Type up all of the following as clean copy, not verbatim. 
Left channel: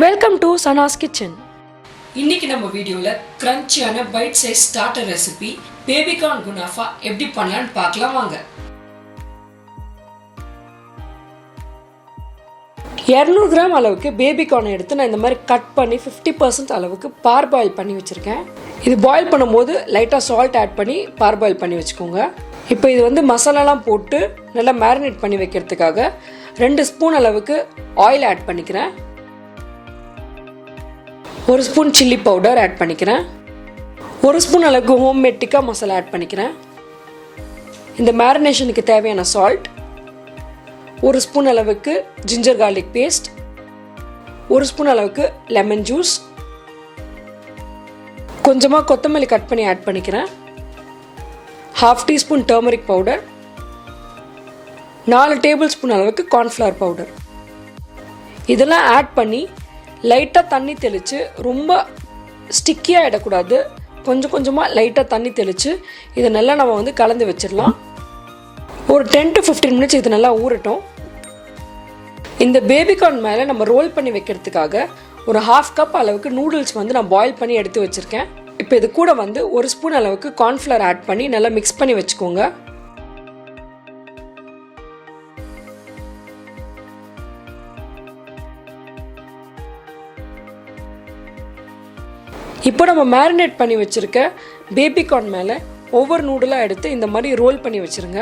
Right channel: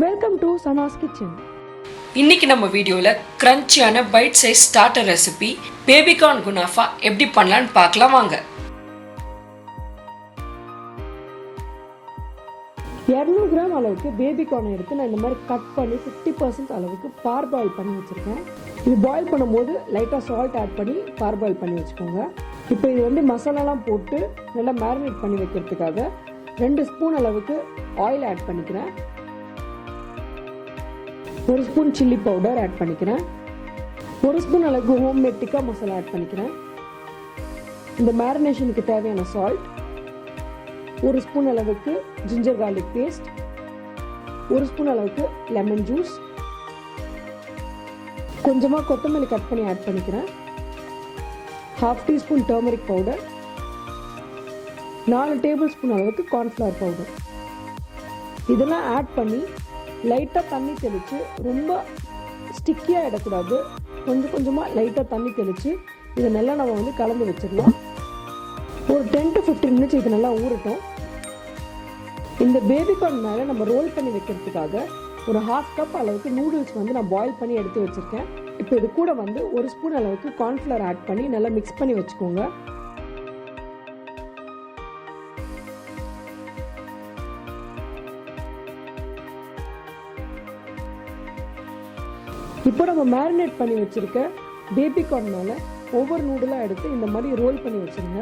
Welcome to Sana's kitchen. இன்னைக்கு நம்ம வீடியோல கிரன்ச்சியான bite size starter recipe baby corn குனாஃபா எப்படி பண்ணலாம்னு பார்க்கலாம் வாங்க. 200 கிராம் அளவுக்கு பேபிகார்ன் எடுத்து நான் இந்த மாதிரி கட் பண்ணி 50% அளவுக்கு பார்பாயில் பண்ணி வச்சிருக்கேன். இது பாயில் பண்ணும்போது லைட்டாக சால்ட் ஆட் பண்ணி பார்பாயில் பண்ணி வச்சுக்கோங்க. இப்போ இது வந்து மசாலாலாம் போட்டு நல்லா மேரினேட் பண்ணி வைக்கிறதுக்காக 2 ஸ்பூன் அளவுக்கு ஆயில் ஆட் பண்ணிக்கிறேன். 1 ஸ்பூன் சில்லி பவுடர் ஆட் பண்ணிக்கிறேன். 1 ஸ்பூன் அளவுக்கு ஹோம்மேட் டிக்கா மசாலா ஆட் பண்ணிக்கிறேன். இந்த மேரினேஷனுக்கு தேவையான சால்ட், 1 ஸ்பூன் அளவுக்கு ஜிஞ்சர் கார்லிக் பேஸ்ட், 1 ஸ்பூன் அளவுக்கு லெமன் ஜூஸ், கொஞ்சமாக கொத்தமல்லி கட் பண்ணி ஆட் பண்ணிக்கிறேன். 1/2 teaspoon turmeric powder, 4 table spoon அளவுக்கு கார்ன்ஃப்ளவர் பவுடர். இதெல்லாம் ஆட் பண்ணி லைட்டாக தண்ணி தெளித்து, ரொம்ப ஸ்டிக்கியாக இடக்கூடாது, கொஞ்சம் கொஞ்சமாக லைட்டாக தண்ணி தெளித்து இதை நல்லா நம்ம வந்து கலந்து வச்சிடலாம். ஒரு 10 to 15 மினிட்ஸ் இது நல்லா ஊறட்டும். இந்த பேபிகார்ன் மேலே நம்ம ரோல் பண்ணி வைக்கிறதுக்காக ஒரு 1/2 கப் அளவுக்கு நூடுல்ஸ் வந்து நான் பாயில் பண்ணி எடுத்து வச்சுருக்கேன். இப்போ இது கூட வந்து 1 ஸ்பூன் அளவுக்கு கார்ன்ஃப்ளவர் ஆட் பண்ணி நல்லா மிக்ஸ் பண்ணி வச்சுக்கோங்க. இப்போ நம்ம மேரினேட் பண்ணி வச்சுருக்க பேபிகார்ன் மேலே ஒவ்வொரு நூடுலாக எடுத்து இந்த மாதிரி ரோல் பண்ணி வச்சுருங்க.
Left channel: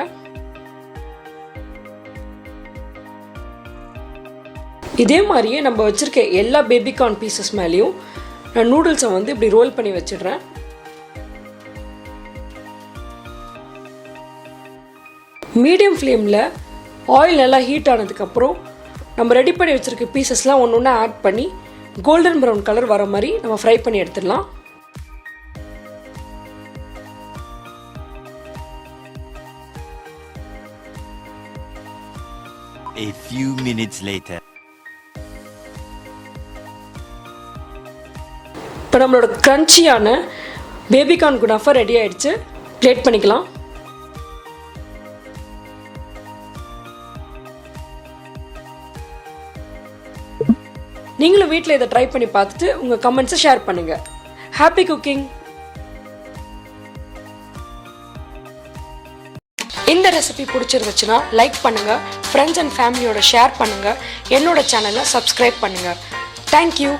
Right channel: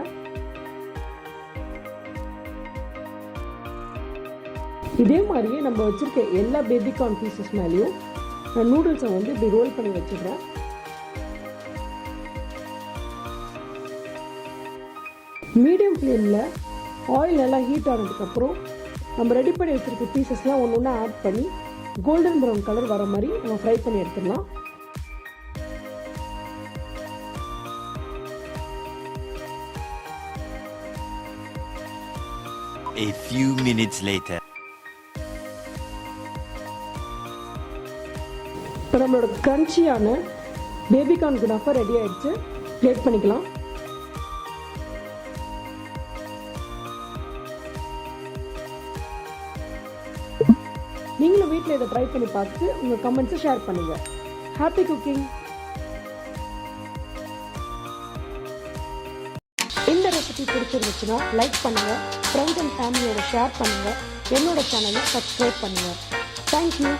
இதே மாதிரியே நம்ம வச்சுருக்க எல்லா பேபிகார்ன் பீசஸ் மேலேயும் நான் நூடுல்ஸை வந்து இப்படி ரோல் பண்ணி வச்சிடுறேன். மீடியம் ஃப்ளேமில் ஆயில் நல்லா ஹீட் ஆனதுக்கப்புறம் நம்ம ரெடி பண்ணி வச்சுருக்க பீசஸ்லாம் ஒன்று ஒன்று ஆட் பண்ணி கோல்டன் ப்ரௌன் கலர் வர மாதிரி நம்ம ஃப்ரை பண்ணி எடுத்துடலாம். A few minutes later. இப்போ நம்மளோட கிரன்ச்சியான பேபிகார்ன் குனாஃபா ரெடி ஆயிடுச்சு. பிளேட் பண்ணிக்கலாம். நீங்களும் வீட்டில் இதை ட்ரை பண்ணி பார்த்துட்டு உங்கள் கமெண்ட்ஸை ஷேர் பண்ணுங்கள். Happy cooking. இந்த ரெசிபி பிடிச்சிருந்துச்சுன்னா லைக் பண்ணுங்கள், ஃப்ரெண்ட்ஸ் அண்ட் ஃபேமிலியோட ஷேர் பண்ணுங்கள், என்னோட சேனலை சப்ஸ்கிரைப் பண்ணுங்கள். தேங்க்யூ.